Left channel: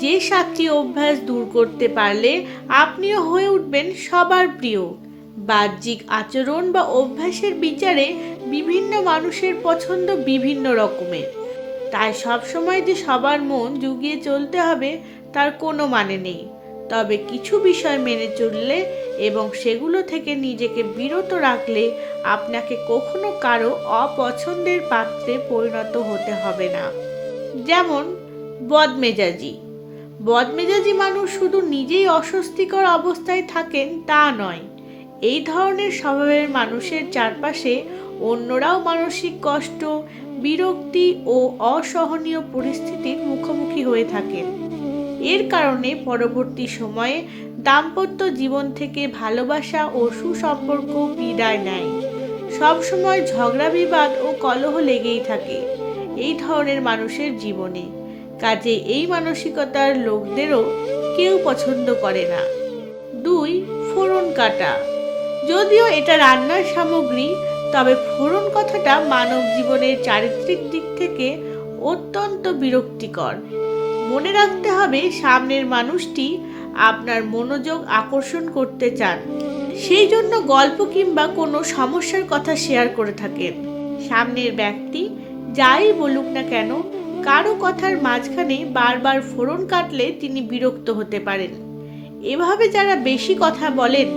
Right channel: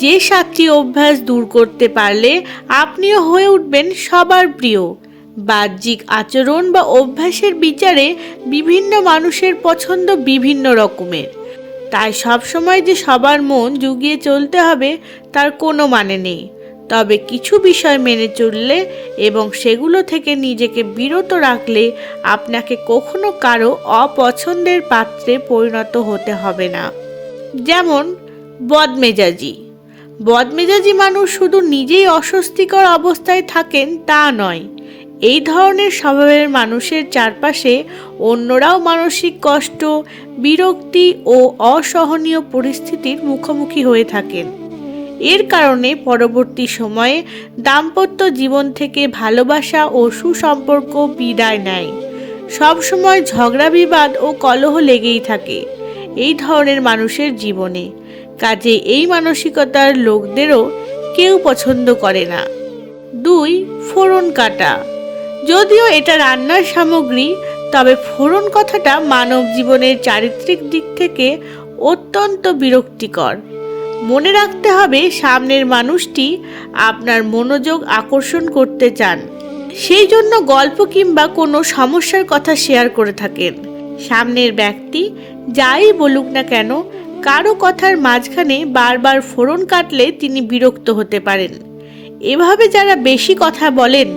যে 7টি অভ্যাস দূর করতে পারলে আপনিও হয়ে উঠবেন সবার প্রিয়। বাহ্যিক আচরণ বা অভ্যাসের বিচারে বিভিন্ন মানুষের পছন্দ বিভিন্ন রকমের, তাই সবসময় যে সবার মন জুগিয়ে চলতে হবে তার কোনো মানে নেই। তবে কিছু বিষয় মেনে চললে এবং সেগুলো থেকে নিজেকে বিরত রাখলে আপনাকে কখনো কারো অপছন্দের পাত্রে পরিণত হতে হবে না। যেমন বদমেজাজি মানুষ শুধু নিজেই অস্বস্তিকর অবস্থায় থাকেন তা নয়, এই ধরনের স্বভাবের মানুষের চারপাশে অন্যরাও মানসিক কষ্ট, বিরক্তি ও অসহনীয় পরিস্থিতির মুখোমুখি হয়ে থাকেন। এর কারণে পরবর্তী সময়ে দাম্পত্য জীবন থেকে ভালোবাসা ও সুসম্পর্ক বিদায় নেয়। সবসময় ঝগড়া বিবাদ ও কলহ লেগেই থাকে এই ধরনের মানুষের জীবনে। কাজে এই মানসিকতার লোকদেরও কেউ পছন্দ করে না। 2. ফোড়ন কাটা। যদিও এটা রান্নার সামগ্রী, তবে ফোড়ন কথাটা মানব জীবনের চারিত্রিক দিক থেকে অত্যন্ত বিরক্তিকর। মনে রাখতে হবে, সামনের মানুষটি আপনার মনোযোগ আকর্ষণ করতে চান, সেই জন্য গল্প কিংবা কোনো সমস্যার কথা শেয়ার করে থাকেন। সামনের ব্যক্তি যাই বলুক না কেন, কারো কথার মাঝখানে বারবার ফোড়ন কাটলে তিনি বিরক্ত হতে পারেন। এভাবে যারা বেশি কথা বলেন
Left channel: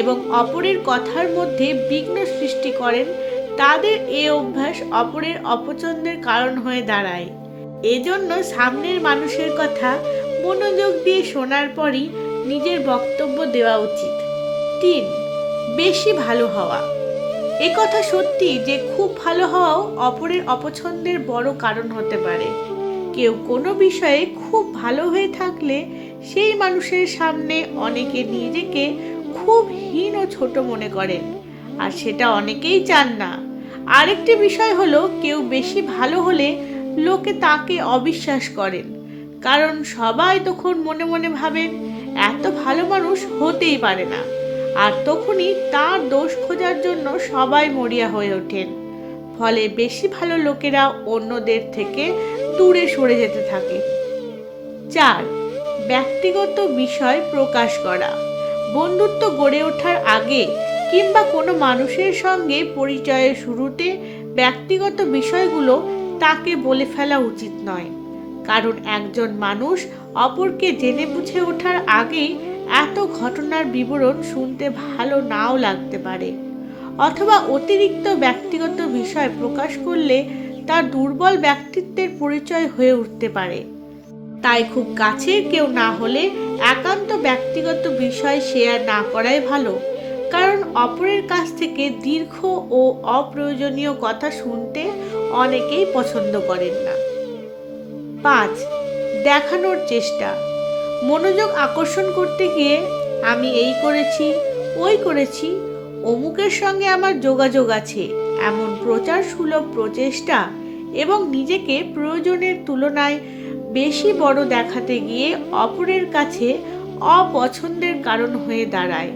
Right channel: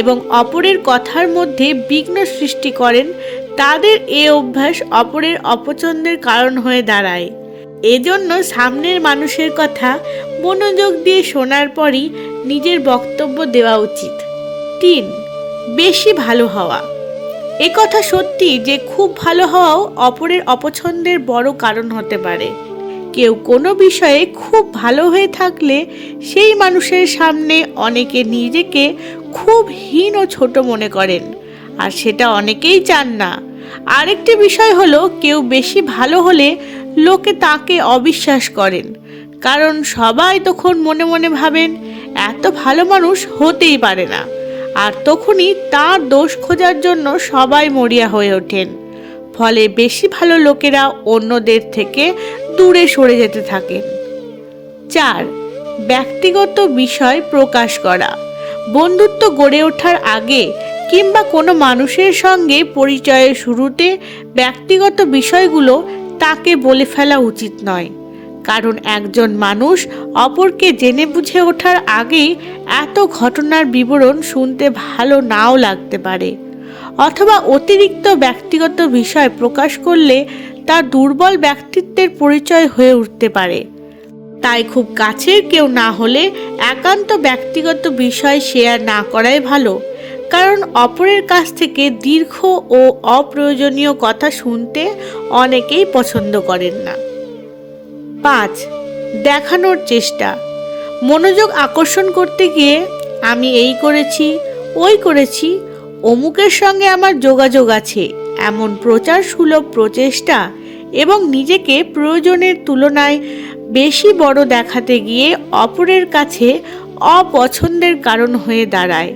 এবং অপরের কথার মধ্যে বিঘ্ন সৃষ্টি করেন, তাদের এ অভ্যাস অপরের অপছন্দের কারণ হয়ে দাঁড়ায়। এজন্য সামনের মানুষের কথা মনোযোগ দিয়ে শোনার পরই নিজের বক্তব্য দেওয়া উচিত। 3. বেশি ভালো হওয়া। এ কথা সত্যি যে খুব ভালো হওয়াও অপরের অপছন্দের বড় কারণ হতে পারে। কেউ কোনো বিষয়ে খুব ভালো হয়ে থাকলে সেই মানুষের সামনে অনেকে নিজেকে খুব হীন ও ছোট মনে করেন, আর সেটা অনেকেই চান না। আরেকটি বিষয় হলো, কেউ বেশি ভালো হলে লোকে তাকে অবিশ্বাস করেন, কারণ সবাই তখন মনে মনে ভাবেন এত ভালো মানুষ হতেই পারে না, আর তখনই তার দোষ খোঁজার জন্য সবাই মরিয়া হয়ে ওঠেন। ফলে বেশি ভালো লোকেরা অন্যদের থেকে দূরে সরে যেতে থাকে। 4. ব্যক্তিগত বিষয় প্রকাশ করা। বন্ধুত্ব গড়ে ওঠার আগে কিংবা কোনো মানুষের সঙ্গে পরিচয়ের শুরুতে ব্যক্তিগত বিষয়গুলো তাকে বলে ফেলা উচিত নয়, কারণ একজন মানুষ অপরকে জেনে বুঝে ওঠার আগেই এত ঘটনার বিবরণ শুনতে ভালো নাও লাগতে পারে, অথবা অতিরিক্ত ব্যক্তিগত বিষয় প্রকাশ করলে তার দুর্বল ব্যক্তিত্বের পরিচয় হয়ে উঠতে পারে। তাই খুব কাছের কেউ না হলে একান্ত ব্যক্তিগত বিষয় শেয়ার না করাই ভালো, কারণ অপরের কাছ থেকে দীর্ঘ ও অপ্রয়োজনীয় কথা শুনতে অনেকেই পছন্দ করেন না। 5. দেখানোর চেষ্টা। মনোযোগ আকর্ষণ করতে গিয়ে আমি এই করেছি, ওই করেছি, অমুকের সঙ্গে আমার যোগাযোগ আছে, এমন প্রচার সুলভ প্রচেষ্টা এবং নিজেকে প্রয়োজনের তুলনায় বেশি বড় দেখাতে গিয়ে অপরের কাছে অপছন্দের কারণ হয়ে দাঁড়ায়।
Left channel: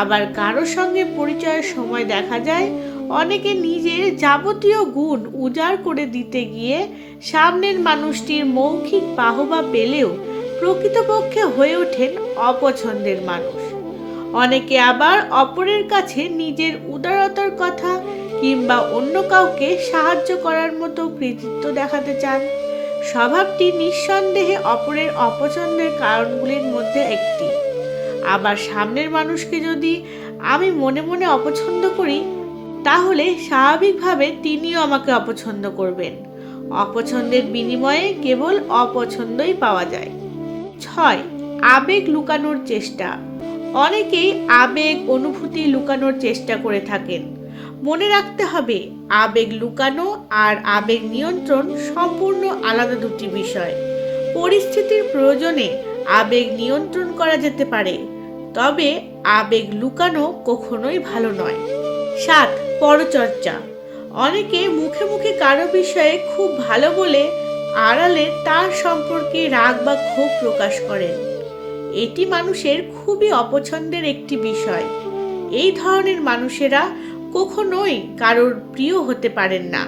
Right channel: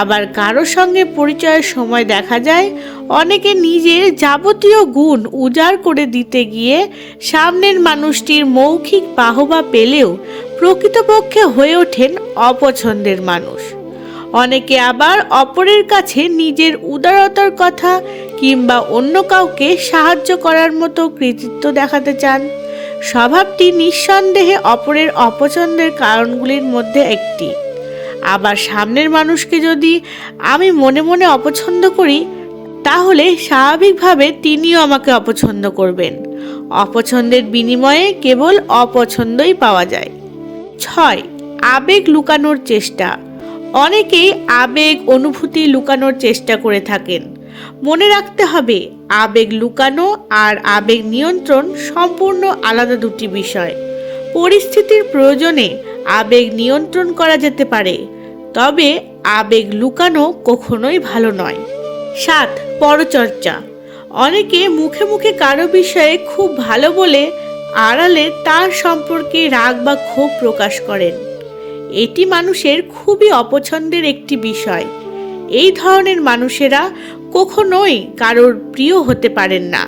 আবার কারো সঙ্গে পরিচয়ের সময় দেখা যায় অনেকে নিজের যাবতীয় গুণ উজাড় করে দিতে গিয়ে সামনের মানুষটির মৌখিক বাহবা পেলেও প্রকৃতপক্ষে হয়ে ওঠেন অপছন্দের মানুষ। অনেকে আবার অপরের কাছে নিজের উদারতার কথা কিংবা অন্য কাউকে সাহায্য করার মতো কৃতিত্ব দেখাতে চান। স্বভাবটি নিঃসন্দেহে অপরের অপছন্দের কারণগুলির মধ্যে একটি। আবার সামনের মানুষকে যদি আমি মনে মনে অপছন্দ করি, তাহলে স্বাভাবিকভাবে তিনিও আমাকে অপছন্দ করবেন। অপছন্দের বিনিময়ে কেবল অপছন্দই পাওয়া যায়। 6. আবেগ লুকানোর চেষ্টা। অনেকেই আবেগ অনুভূতি লুকানোর চেষ্টা করে থাকেন। মনে রাখতে হবে, আবেগ লুকানো আর আবেগ নিয়ন্ত্রণ সম্পূর্ণ আলাদা দুটি বিষয়। পরিস্থিতির প্রয়োজনে আবেগ নিয়ন্ত্রণ করা যেতে পারে, তবে আবেগ লুকানো কখনোই ভালো নয়। 7. পরচর্চা। অনেকে মুখে মুখে কারো বিষয়ে খুব ভালো বলে আড়ালে তার সম্পর্কে রাগ বা ক্ষোভ প্রকাশ করেন। এটি মানুষের খুবই অপছন্দের একটি বিষয়। এই ধরনের মানুষেরা কখনোই কারোর প্রিয় হতে পারেন না।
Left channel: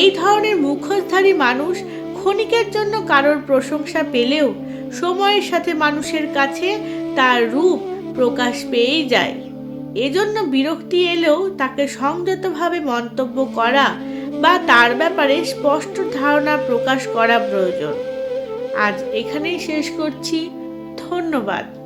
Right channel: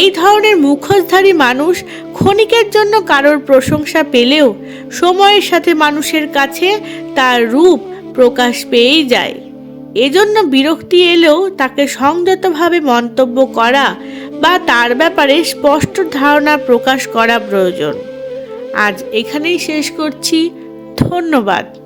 এই ধরনের মুখোশধারী মানুষ ক্ষণিকের জন্য কারোর প্রশংসা পেলেও সময়ের সাথে মানুষের কাছে তার রূপ প্রকাশ পেয়েই যায়। এজন্য বিরক্তি এলেও তাকে সংযতভাবে মন্তব্য করা বা তার ব্যাপারে স্পষ্ট ধারণা প্রকাশ করা প্রয়োজন। আজ এখানেই শেষ করছি। ধন্যবাদ।